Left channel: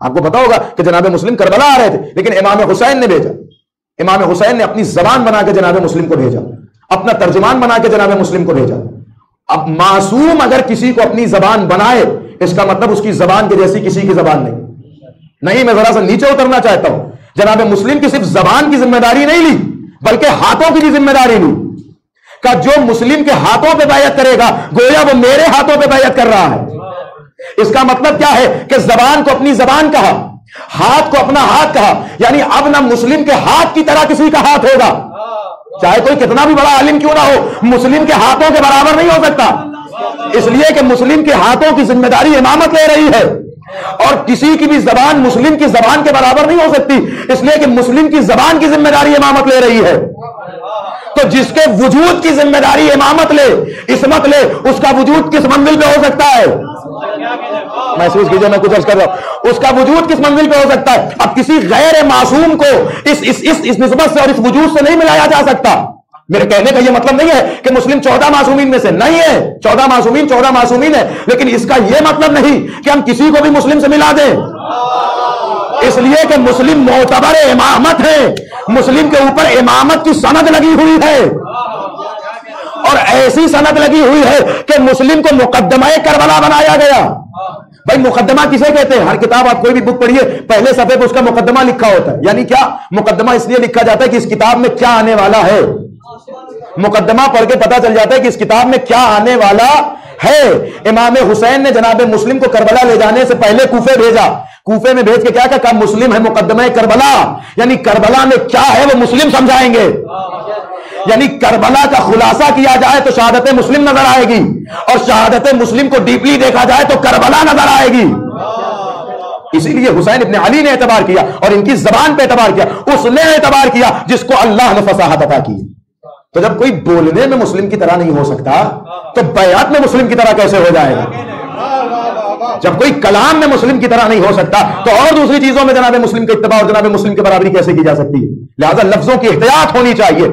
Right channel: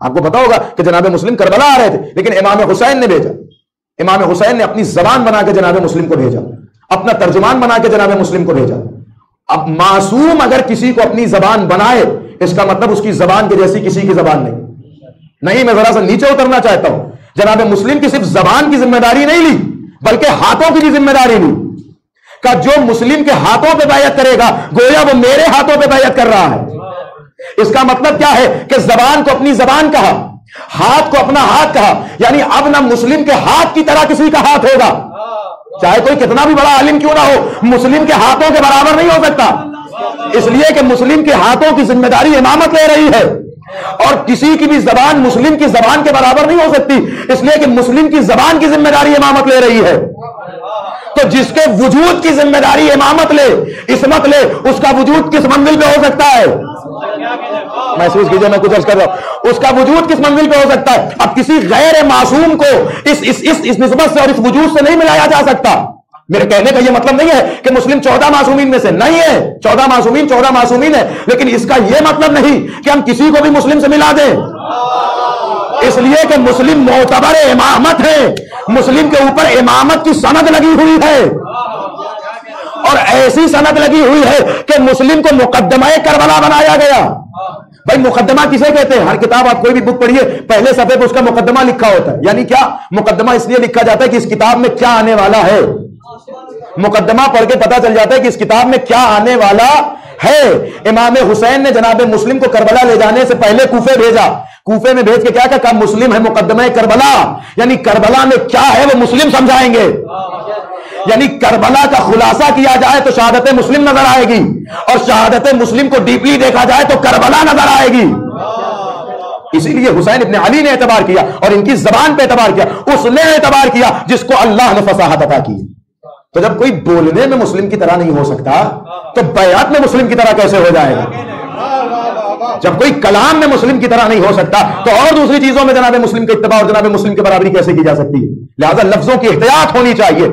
آپ کو پتا ہوگا کہ جناب مسلم کربلا آ رہے تھے، لیکن امام حسین نے بھیجا، امام حسین نے اپنی زبان بنا کے جناب مسلم کو بھیجا، اپنا ترجمان بنا کے جناب مسلم کو بھیجا۔ اب معصوم اگر کسی کو اپنی زبان بنائے، اس کا مطلب اس کی زبان کے جیسی کسی کی زبان نہیں۔ میں ذرا سا نیچے اترنا چاہتا ہوں، جناب مسلم کی صرف زبان کی ذمہ داری نہیں لی، بلکہ ہاتھوں کی بھی ذمہ داری لی کہ جو مسلم کے ہاتھوں پہ بیعت کرے گا گویا وہ میرے ہاتھوں پہ بیعت کر رہا ہے۔ اس کا مطلب کیا ہے کہ زبان کو اپنی زبان کہا، ہاتھ کو اپنا ہاتھ کہا، یعنی اب نہ مسلم کے ہاتھ کی طرح کسی کا ہاتھ ہوگا، چاہے کوئی کتنا بھی بڑا عالم کیوں نہ ہو، مسلم کے ہاتھوں کے برابر نہیں ہو سکتا، اس لیے کہ مسلم کے ہاتھوں کی ذمہ داری امامت لے رہی ہے، اور کسی کی بھی زبان مسلم کی زبان کے برابر نہیں ہو سکتی، اس لیے کہ مسلم کی زبان کی ذمہ داری امامت لے رہی ہے۔ تو جس کے وجود کی ذمہ داری امامت لے، عصمت لے، اس کا وجود کس منزل پہ ہو سکتا ہے؟ محسوس کیجئے میں کچھ عرض کر رہا ہوں، اس کا وجود کس منزل پہ ہو سکتا ہے؟ اب کسی غیر معصوم کو اس نسبت سے اور اس وجود سے نہیں ملایا جا سکتا۔ میرے کہنے کا یہ مطلب نہیں ہے کہ مسلم 14 معصومین میں سے نہیں ہے، 14 معصومین ہے، لیکن اس کا یہ مطلب نہیں کہ ہم کسی کو بھی مسلم سے ملا دیں، اس لیے کہ مسلم معتبر امامت ہے، مسلم کے اوپر امامت کی سند لگی ہوئی ہے، اور ایسی سند لگی ہوئی ہے کہ مسلم کو مقدمہ کربلا بنایا گیا۔ بھائی مقدمہ کسے کہتے ہیں؟ ہر کتاب آپ کوئی بھی بک پڑھیے، پہلے صفحے پہ اس کا مقدمہ لکھا ہوتا ہے، یعنی کیا مقدمہ اس لیے لکھا جاتا ہے کہ اس کتاب میں کیا آنے والا ہے، مقدمہ پڑھ کے پتا چل جاتا ہے کہ اس کتاب میں کیا آنے والا ہے۔ امام حسین نے جناب مسلم کو کربلا لے جانے سے پہلے کوفے بھیجا، کوفے میں بھیج کے کیا کہا؟ مسلم ہے مقدمہ کربلا، یعنی کربلا میں کیا ہے وہ مسلم سمجھائیں گے، یعنی کربلا کا خلاصہ کیا جائے تو شہادت مسلم نظر آئے گی، اور شہادت مسلم کو ڈیپلی دیکھا جائے تو کربلا نظر آئے گی۔ اسی لیے حسین ابن علی نے اعتبار کیا اور ان کی زبان پہ اعتبار کیا، اس نے اعتبار کیا جس کو اللہ نے فصاحت عطا کی۔ تو جب کوئی بولنے میں مسلم کی طرح نہیں ہو سکتا تو بیعت میں مسلم کی طرح کیسے ہو جائے گا؟ جب کوئی کلام میں مسلم کی طرح نہیں ہو سکتا تو اور دوسری چیزوں میں جناب مسلم کے اتباع اور جناب مسلم کے برابری کیسے کی جا سکتی ہے؟ لہذا لفظوں کی احتیاط ہونی چاہیے۔